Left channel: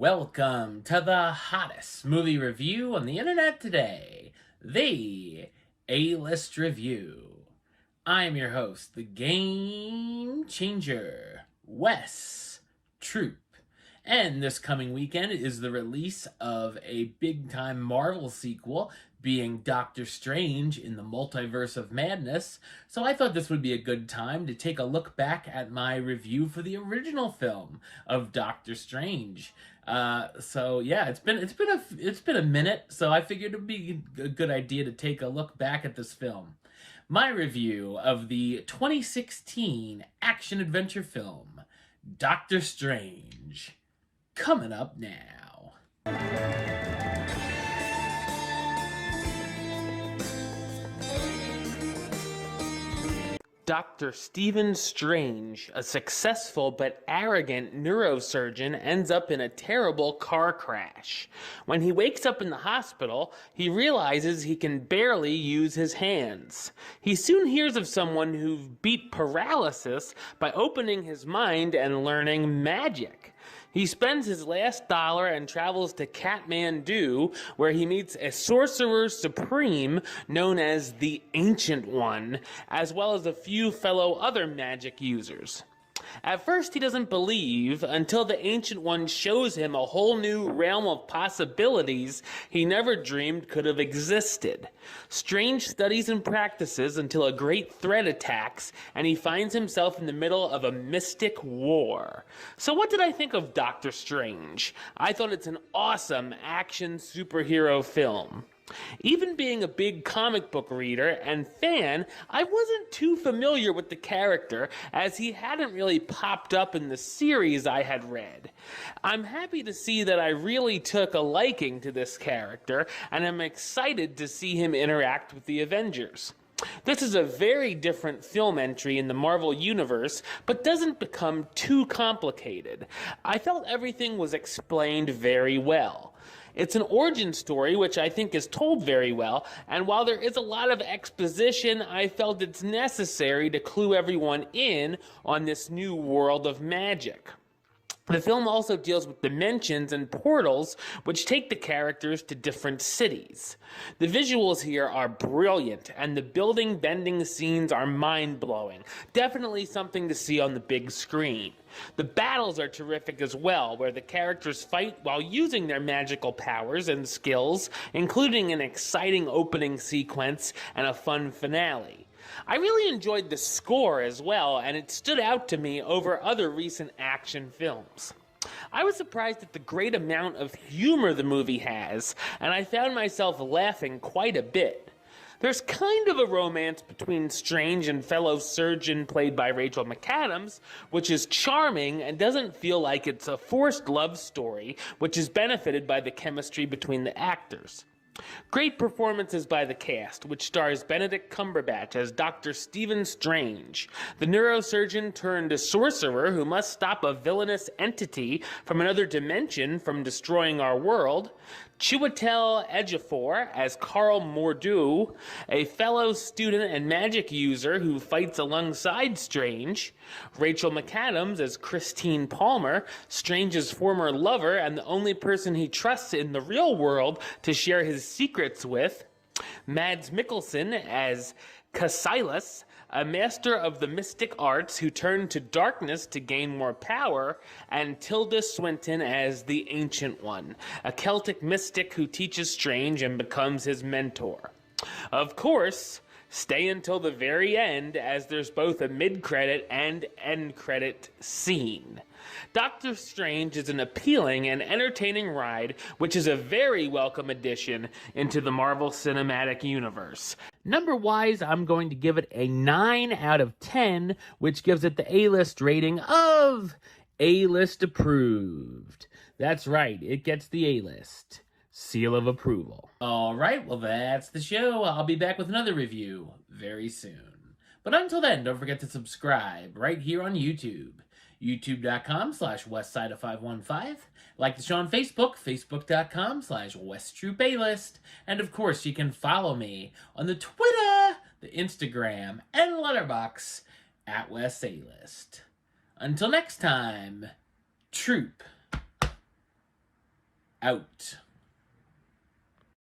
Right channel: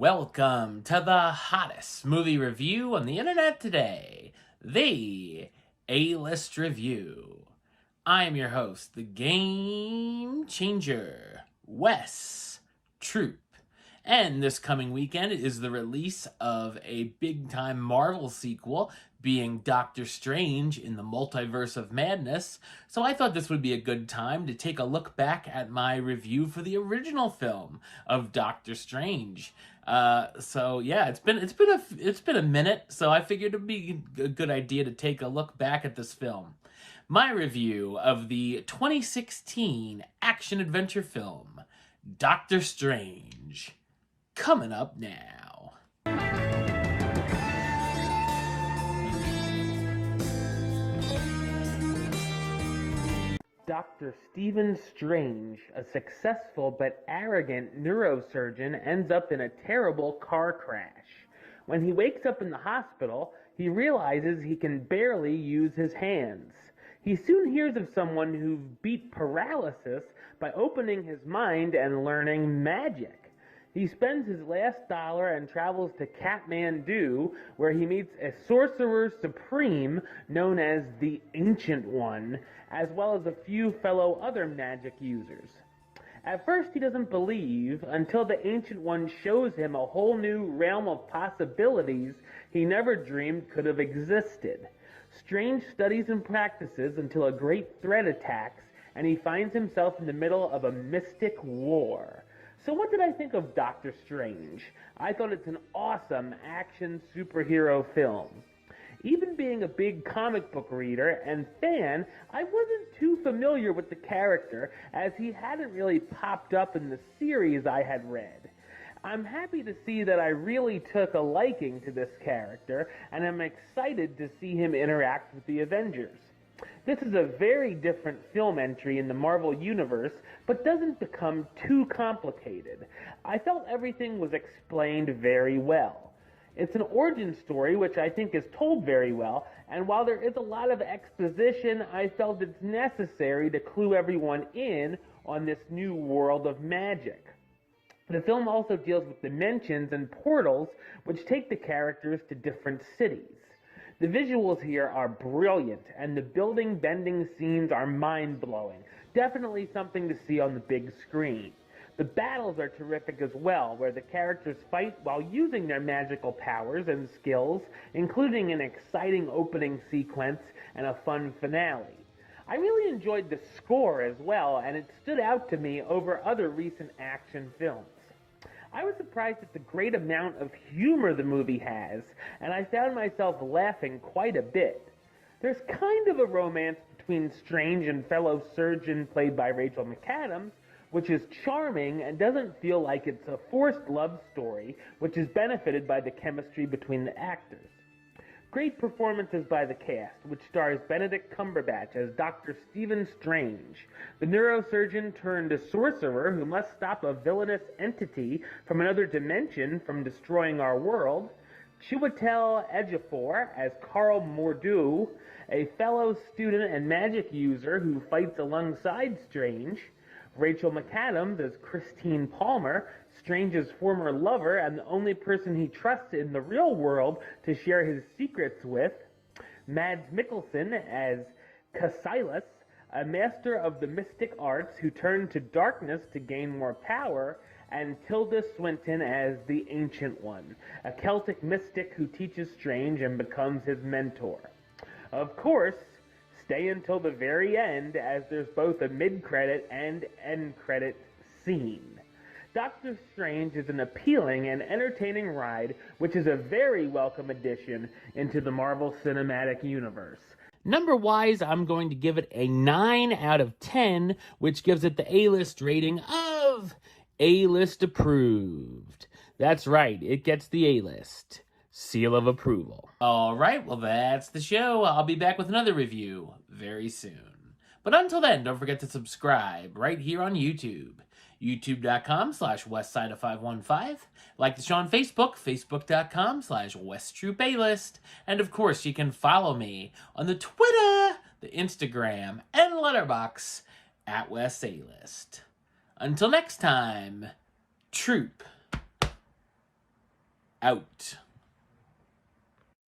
Welcome to the hottest movie review on the internet today, the A-List Review. I am your host, the Game Changer, Wes Troop. And this coming weekend is the release of a big-time Marvel sequel, being Doctor Strange in the Multiverse of Madness, so I thought this would be a good time to take a look back at my review for the original film of Doctor Strange. It's been a minute, so I figured it'd be a good idea to take a look back at this film. My review of the 2016 action-adventure film, Doctor Strange, coming up now. Dr. Stephen Strange, a successful but arrogant neurosurgeon, ends up in a terrible car crash. When he wakes up in the hospital, he realizes he can barely use his hands. He soon hears of someone who beat paralysis by opening his mind and learning magic. He spends his last dollar and travels to Kathmandu, where he meets a sorcerer supreme known as the Ancient One, as well as a few fellow other magic users. At first, he doesn't believe until the Ancient One shows him a whole new realm of possibilities he never dreamed could have existed. Strange studies and practices until a great threat attacks, and he finds himself in the middle of a mystic war. So what did I think of Doctor Strange? I thought it's an awesome action superhero film. Even being a big comic book reader and fan, I wasn't too familiar with the character, as he hadn't really popped up in the series I had read. I'm happy to see that I really took a liking to this character, and I'm excited to see him interact with the Avengers. This is a very different film entry in the Marvel Universe, but doesn't become too complicated. I felt everything was explained very well. It's an origin story, which I think is told very well, and while there is a lot of exposition, I felt it's necessary to clue everyone in on this new world of magic. The film also deals with dimensions and portals, which take the characters to different cities. The visuals here are brilliant, and the building-bending scenes are mind-blowing. Definitely something to see on the big screen. The battles are terrific as well, where the characters fight while using their magical powers and skills, including an exciting opening sequence and a fun finale. I really enjoyed the score as well, and it stood out to me over other recent action films. I was surprised at the great amount of humor the movie has, and I found myself laughing quite a bit. There's kind of a romance between Strange and fellow surgeon played by Rachel McAdams, which is charming and doesn't feel like it's a forced love story, which is benefited by the chemistry between the actors. Great performances by the cast, which stars Benedict Cumberbatch as Dr. Stephen Strange, the neurosurgeon turned sorcerer who must stop a villainous entity from another dimension from destroying our world, Chiwetel Ejiofor as Carl Mordu, a fellow student and magic user who fights alongside Strange, Rachel McAdams as Christine Palmer, Strange's former lover and the only person he trusts in the real world to share his secrets with, Mads Mikkelsen as Cassilis, a master of the mystic arts who turned to darkness to gain more power, and Tilda Swinton as the Ancient One, a Celtic mystic who teaches Strange and becomes his mentor. Of course, stay until the very end, as there's both a mid-credit and end-credit scene. Doctor Strange is an appealing and entertaining ride, which is a very welcome addition into the Marvel Cinematic Universe. Number-wise, I'm going to give it a 9 out of 10, which gives it the A-list rating of A-list approved. That's right, it gets the A-list seal of approval. Alright, well that's the show. I'll be back with another review very soon. But until then, don't forget to subscribe right here on YouTube. youtube.com/westside515. Like the show on Facebook, facebook.com/westtroupaylist. And of course, you can follow me on the Twitter, the Instagram, and Letterboxd at WesAlist. Until next time, Troop out.